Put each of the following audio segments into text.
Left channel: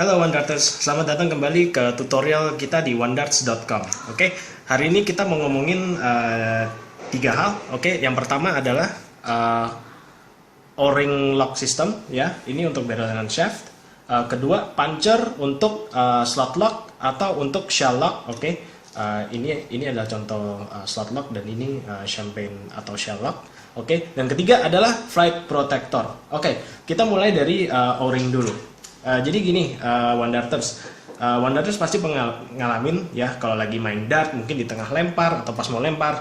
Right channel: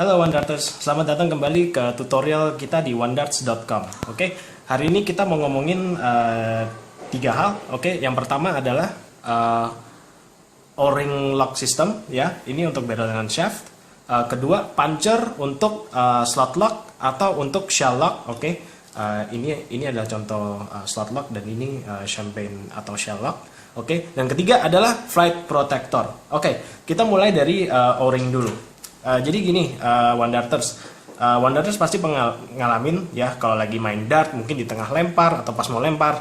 Halo OneDarters, selamat datang kembali ke tutorial kita di onedarts.com. Oke, hari ini kita mau ngomongin tiga hal. Oke, yang pertama adalah O-ring lock system, ya. Ini untuk barrel dan shaft. Kedua, puncher untuk slot lock atau untuk shell lock. Oke, ini adalah contoh slot lock dan ini champagne atau shell lock. Oke, yang ketiga adalah flight protector. Oke, kita mulai dari O-ring dulu. Jadi gini, One Darters pasti ngalamin ya kalau lagi main dart mungkin di tengah lempar atau pas mau lempar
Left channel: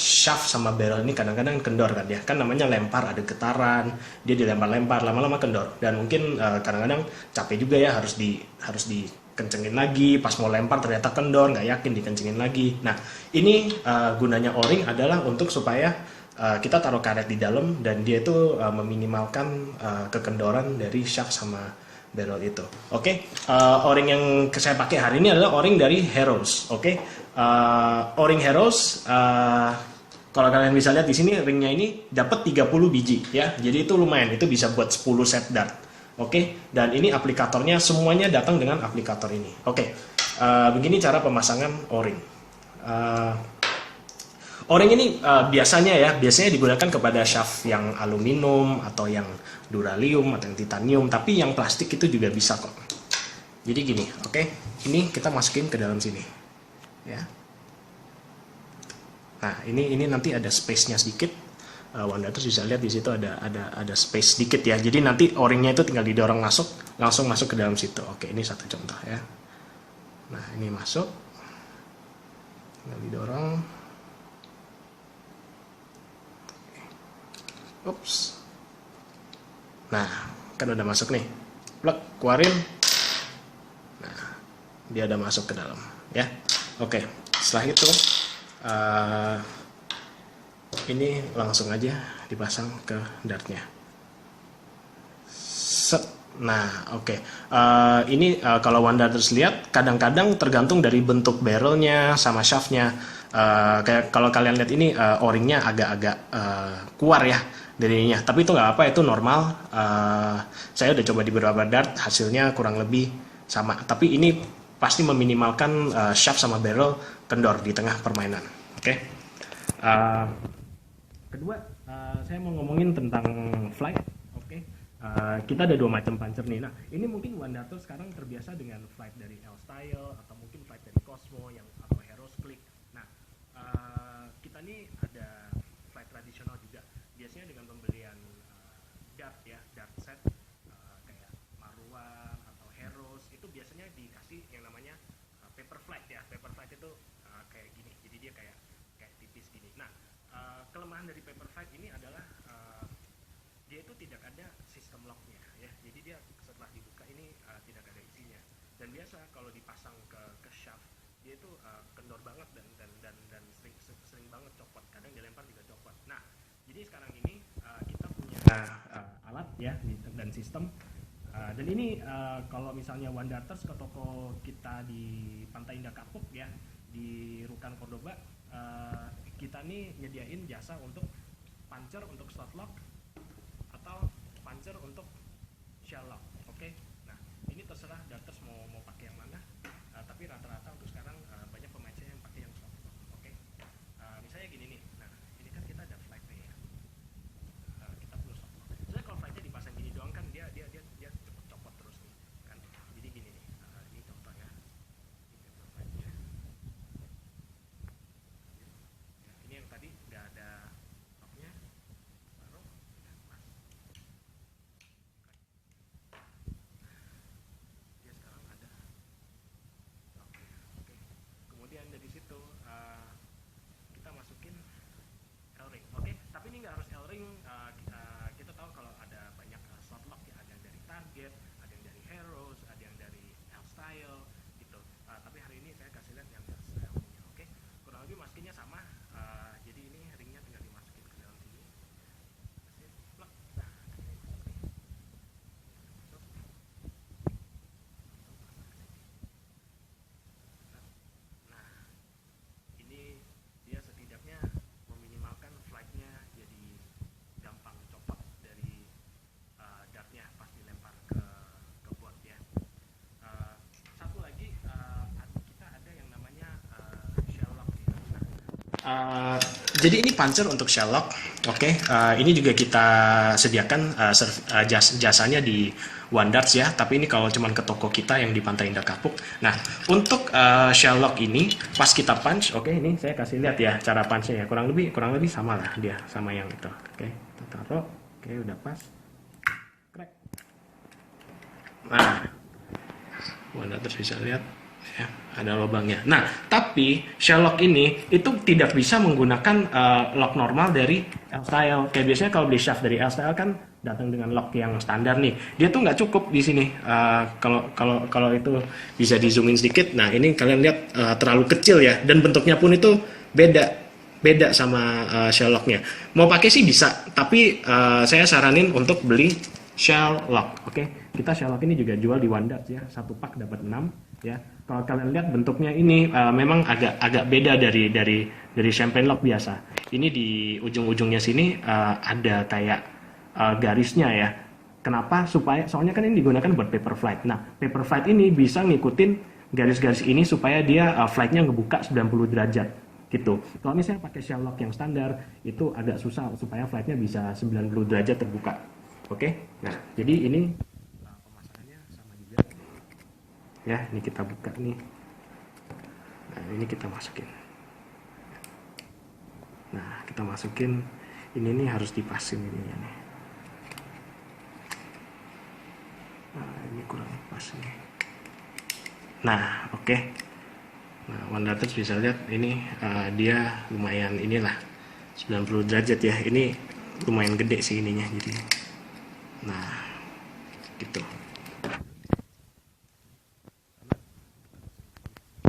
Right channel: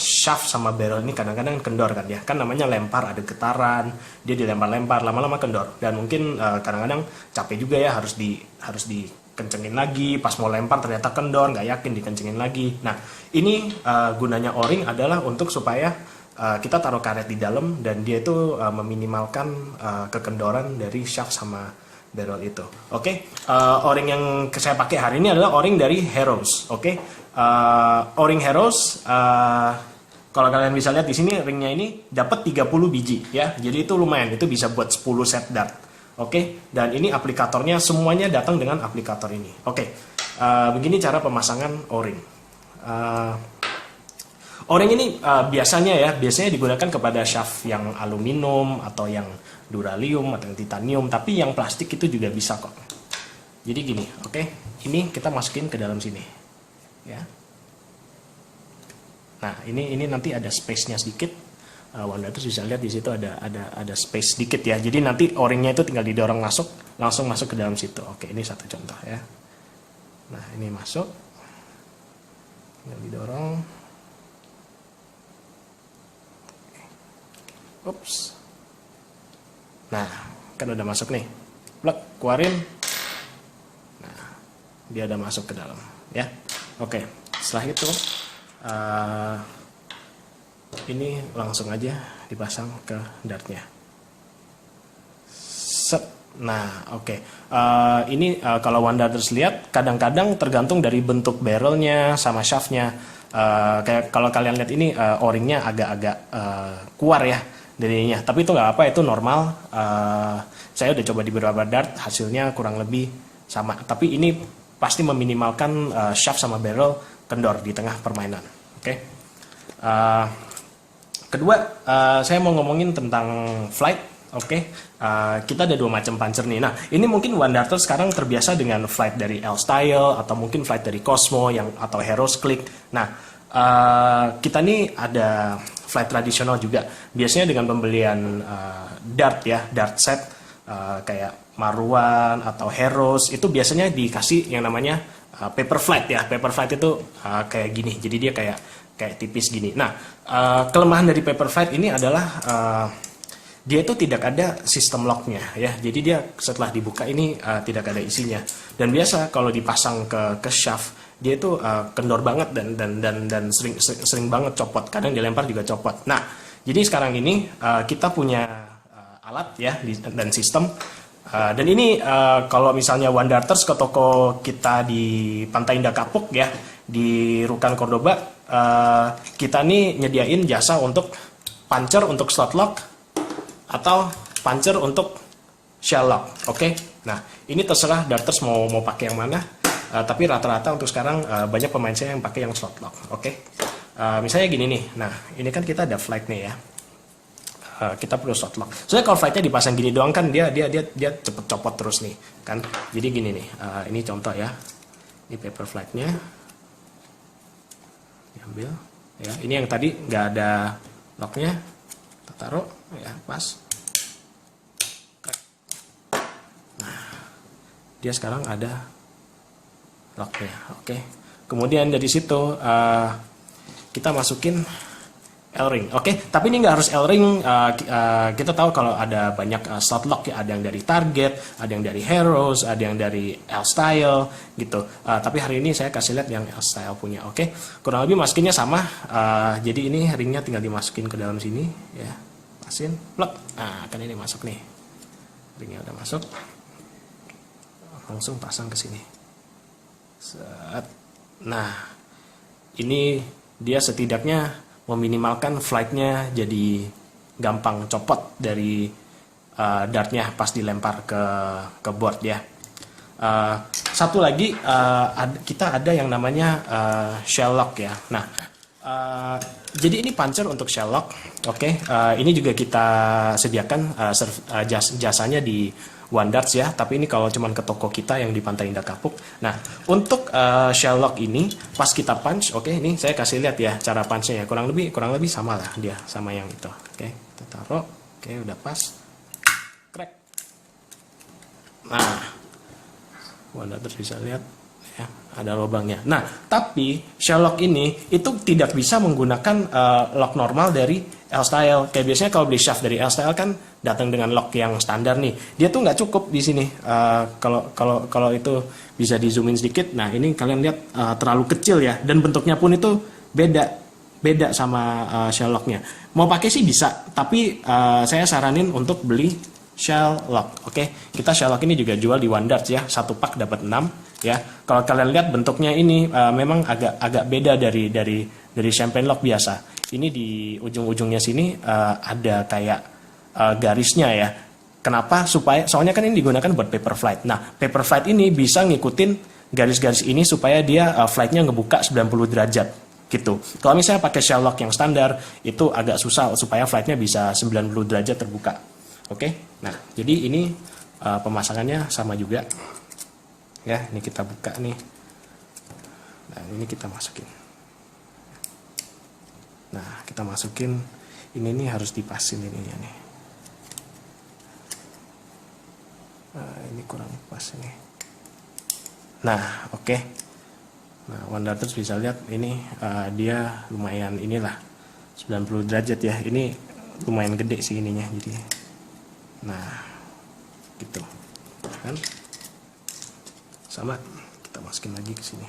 shaft sama barrel ini kadang-kadang kendor kan ya, kan namanya lempar ada getaran, dia dilempar-lempar lama-lama kendor dan mungkin kadang-kadang capek juga ya harus dikencengin lagi, pas mau lempar ternyata kendor, nggak yakin dikencengin lagi. Nah ini gunanya O-ring adalah untuk supaya kita taruh karet di dalam dan dia itu meminimalkan kekendoran dari shaft sama barrel itu. Oke, O-ring yang saya pakai hari ini adalah O-ring dari Heroes. Oke, O-ring Heroes. Kalau kalian bisa lihat di sini ringnya ini dapat 30 biji ya. Jadi itu lumayan, itu bisa buat 10 set dart. Oke, dan ini aplikatornya semuanya datang dengan aplikator ini. Oke, begini cara pemasangan O-ring. O-ring ini biasanya digunakan kepada shaft yang aluminium atau yang duralium atau yang titanium, tapi yang plastik itu juga bisa kok. Jadi gini, oke, ini kita masukin ke dalam sini, ya. Nah ini nanti ada space-nya sedikit. One Darters bisa lihat di situ ada space sedikit ya. Jadi nanti O-ringnya itu tinggal didorong langsung masuk ke dalam situ. Oke, ini satu contoh ya. Nah ini masuk, tinggal didorong. Ups. Nah, kan udah masuk nih. Plug, keluarin. Nah, dia udah masuk ke dalam, ya. Oke, setelah itu ini langsung aja dipasang ke dartnya. Set. Nah, oke. Ini kalau One Darters lihat, kadang-kadang tergantung dari bentuk barrelnya sama shaftnya. Kayak kalau kalian lihat ini O-ringnya agak-agak keluar ya darinya, tapi itu nggak apa, itu normal. Saya udah coba di beberapa dart, hasilnya kurang lebih sama, tapi ini pasti meminimalkan shaft sama barrel kendor di tengah permainan. Oke. Kedua, saya mau ngomongin tentang flight. Oke, kita ada dua macam puncher nih. Nah, ini mungkin One Darters sekarang terbiasa dengan flight dari L-Style atau mungkin flight dari Cosmo atau Heroes Click. Nah, kita nih ada flight tradisional juga. Biasanya dengan pembelian dart ya, dart set kayak Maruan atau Heroes itu biasanya dikasih yang namanya paper flight ya. Paper flight itu kayak gini. Jadi dia kayak tipis gini. Nah, kelemahan dari paper flight ini adalah dia itu tidak ada sistem locknya ya. Jadi dia setelah dibuka ini tidak ada isinya. Dan biasa kalau dipasang ke shaft dia itu kendor banget dan sering banget copot. Kadang dilempar juga copot. Nah, jadi sekarang ini kita punya alat ya dan sistem. Dan ini kalau misalnya One Darters ke toko kita di Pantai Indah Kapuk ya, di Rukan Cordoba, kita nih nyediain jasa untuk puncher untuk slot lock atau puncher untuk shell lock. Oke. Nah, ini terserah Darters mau pakai yang mana. Tapi rata-rata untuk sekarang banyak pemain saya yang pakai yang slot lock. Oke. Misalnya gini nih. Nah, ini kan kita ada flight nih ya. Kita perlu slot lock. Soalnya kalau flightnya dipasang gini doang kan dia cepet copot terus nih kan. Jadi gini nih. Ini contoh ya. Ini paper flightnya. Diambil. Ya, ini yang tadi nggak ada locknya. Kita taruh ya pas. Nah, dia sekarang ada locknya. Oke. Kemudian dari situ kita masukin L-ring. Oke. Tapi ini nggak harus L-ring. Kita tahu kalau ada banyak slot lock ya. Ada yang dari Target, ada yang dari Heroes, ada yang dari L-Style gitu. Tapi hari ini saya kasih lihat yang L-Style punya. Oke. Kurang lebih masukinnya sama. Jadi ini ringnya tinggal dimasukin ke dalam sini ya. Pasin, plug. Nah, kan ini masuk nih. Ringnya udah masuk. Langsung pasang ke sini. Nah, ini dia setidaknya meminimalkan flightnya jadi gampang copot dari dartnya pas dilempar ke board ya. Satu lagi kita ada yang namanya shell lock ya. Nah, jadi ini puncher untuk shell lock. Oke, ini juga kita sediakan jasanya di Wandarts ya. Tapi ini kalau cuman ke toko kita yang di Pantai Indah Kapuk. Nah, untuk shell lock ini pas kita punch, oke, ini saya kasih lihat ya cara punchnya ya. Kurang lebih sama lah dia sama yang itu. Oke, kita taruh. Oke, udah pas. Crack. Nah, Wandarts bisa lihat ya, ada lubangnya. Nah, tapi shell lock ini itu tidak bisa menggunakan lock normal dari L-Style. Kayak biasanya kalau beli shaft dari L-Style kan datang dengan lock yang standar nih. Dia tuh nggak cukup di sini. Kalau itu bisa di zoomin sedikit. Nah, ini kalian lihat terlalu kecil ya, dan bentuknya pun itu beda sama shell locknya. Mau pakai sih bisa, tapi saya saranin untuk beli shell lock. Oke, kita shell lock ini juga jual di Wandarts ya. Satu pak dapat 6 ya. Kalau kalian lihat bentuknya ini memang agak beda dari champagne lock biasa. Ini di ujung-ujungnya sini ada kayak garisnya ya. Kenapa? Soalnya kan ini digunakan buat paper flight. Nah, paper flight ini bisa ngikutin garis-garis ini supaya dia flightnya ngebuka 90 derajat gitu. Kalau misalnya pakai shell lock yang standar itu agak susah supaya flightnya bisa 90 derajat terbuka. Oke, nah jadi ini pemasangannya sama juga ya. Ini kita buka nih, nah ini kita masukin. Nah kita masukin ini nih, harus dipasin ininya nih. Ini kurang pas nih. Nah oke. Nah, Wandarts bisa lihat ini dia lumayan inilah 90 derajat ya. Ini lumayan gede sih ininya jadi. Nah, gitu kan, sama kita masukin lagi ke sini.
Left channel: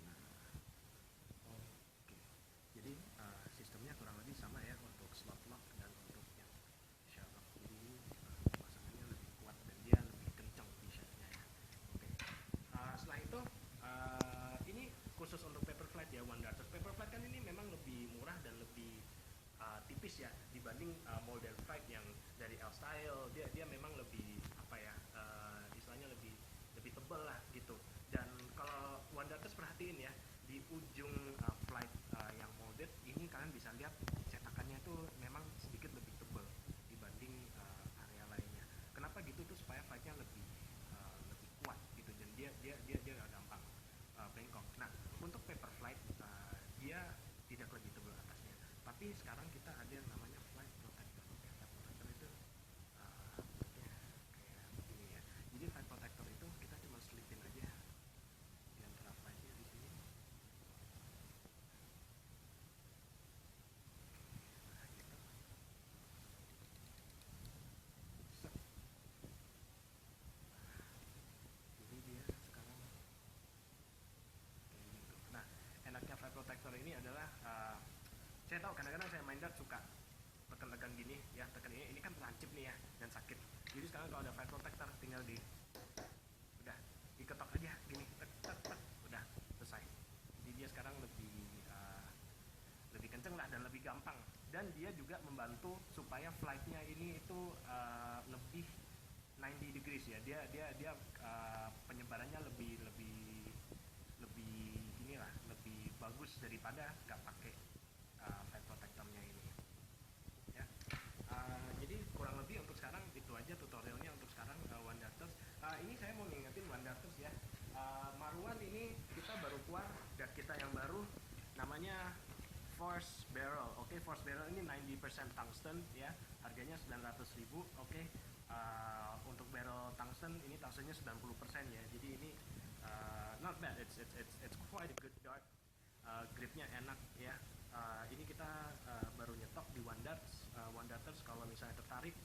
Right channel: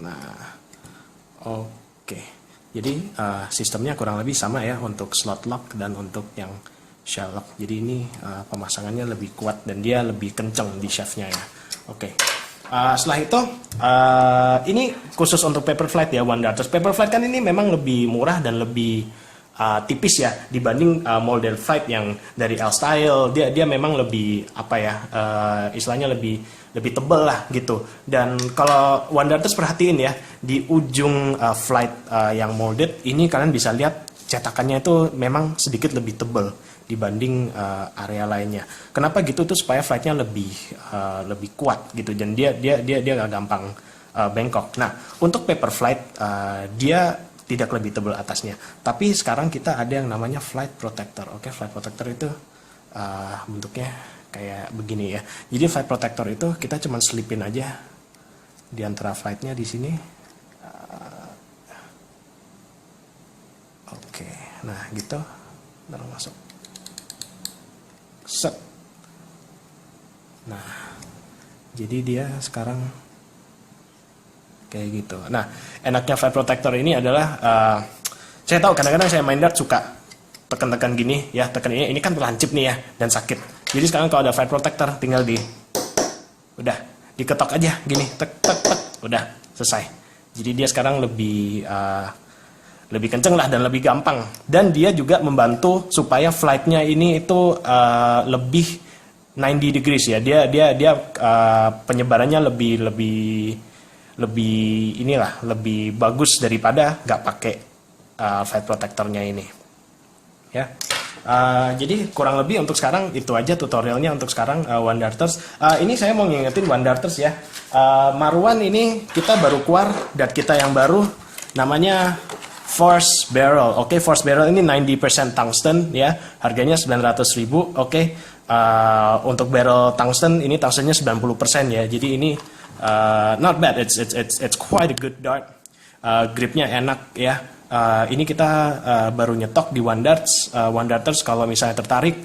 Nah, oke. Jadi sistemnya kurang lebih sama ya untuk slot lock dan untuk yang shell lock. Jadi ini pemasangannya lebih kuat dan dia lebih kenceng di shaftnya ya. Oke. Setelah itu ini khusus untuk paper flight ya Wandarts. Paper flight kan ini memang lebih murah dan lebih tipis ya dibanding molded flight yang dari L-Style. Dia memang lebih apa ya, istilahnya lebih tebal lah gitu. Dan kalau Wandarts perhatiin ya di ujung flight yang molded ini kalian bisa lihat cetakannya itu memang sedikit lebih tebal dibanding area lainnya. Kenapa gitu tuh supaya flightnya lebih kuat gitu, dan dia nggak gampang bengkok. Nah untuk paper flight dia tidak lebih tebal atasnya, tapi sekarang kita ada yang namanya flight protector. Oke, flight protector itu bentuknya kayak begini ya. Jadi flight protector itu kita cuma selipin aja di antara flightnya di sini. Oke, nah gitu, lalu masuk. Set. Nah, jadi dia sekarang kayak gitu. Nah, enaknya flight protector ini adalah saya tahu kadang-kadang saya main dart suka tekan-tekan gini ya, tekan ini kan terlancip nih ya dan sakit. Jadi sekarang kalau ada flight protector tinggal udah diketok aja gini, tek tek tek, udah selesai. Jadi dia sekarang lebih kenceng lah dan lebih gampang, dan dia juga membantu supaya flightnya ini itu lebih 90 degrees ya. Dia penyebarannya lebih inilah, lebih bagus daripada nggak pakai flight protectornya ini ya. Jadi kurang lebih untuk sekarang itu aja tutorialnya untuk sekarang Wandarts. Ini saya mau ngingetin Wandarts ya, Marwan ini kita baru keluar dart kita yang baru namanya Force Barrel. Oke, Force Barrel ini 90% tungsten ya, harganya 900.000. Oke, untuk barrel tungsten ini tungstennya 90% ya. Jadi ini not bad. It's quite a good dart. Gripnya enak ya. Ini kita baru nyetok di Wandarts. Wandarts kalau misalnya tertarik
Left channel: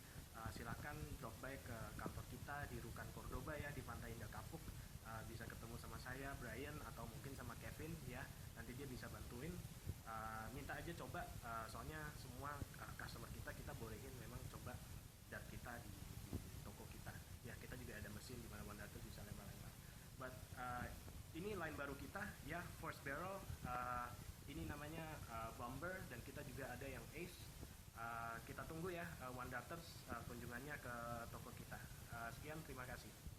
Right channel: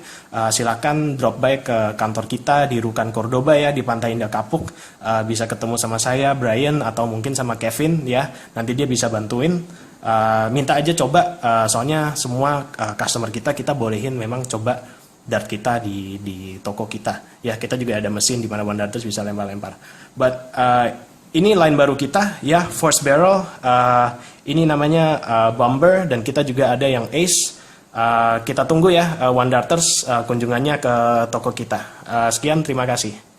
silakan drop by ke kantor kita di Rukan Cordoba ya, di Pantai Indah Kapuk. Bisa ketemu sama saya, Brian, atau mungkin sama Kevin ya. Nanti dia bisa bantuin. Minta aja coba, soalnya semua customer kita bolehin memang coba dart kita di toko kita ya. Kita juga ada mesin di mana Wandarts bisa lempar-lempar. But ini line baru kita ya, Force Barrel. Ini namanya Bomber, dan kita juga ada yang Ace. Kita tunggu ya One Darters kunjungannya ke toko kita. Sekian, terima kasih.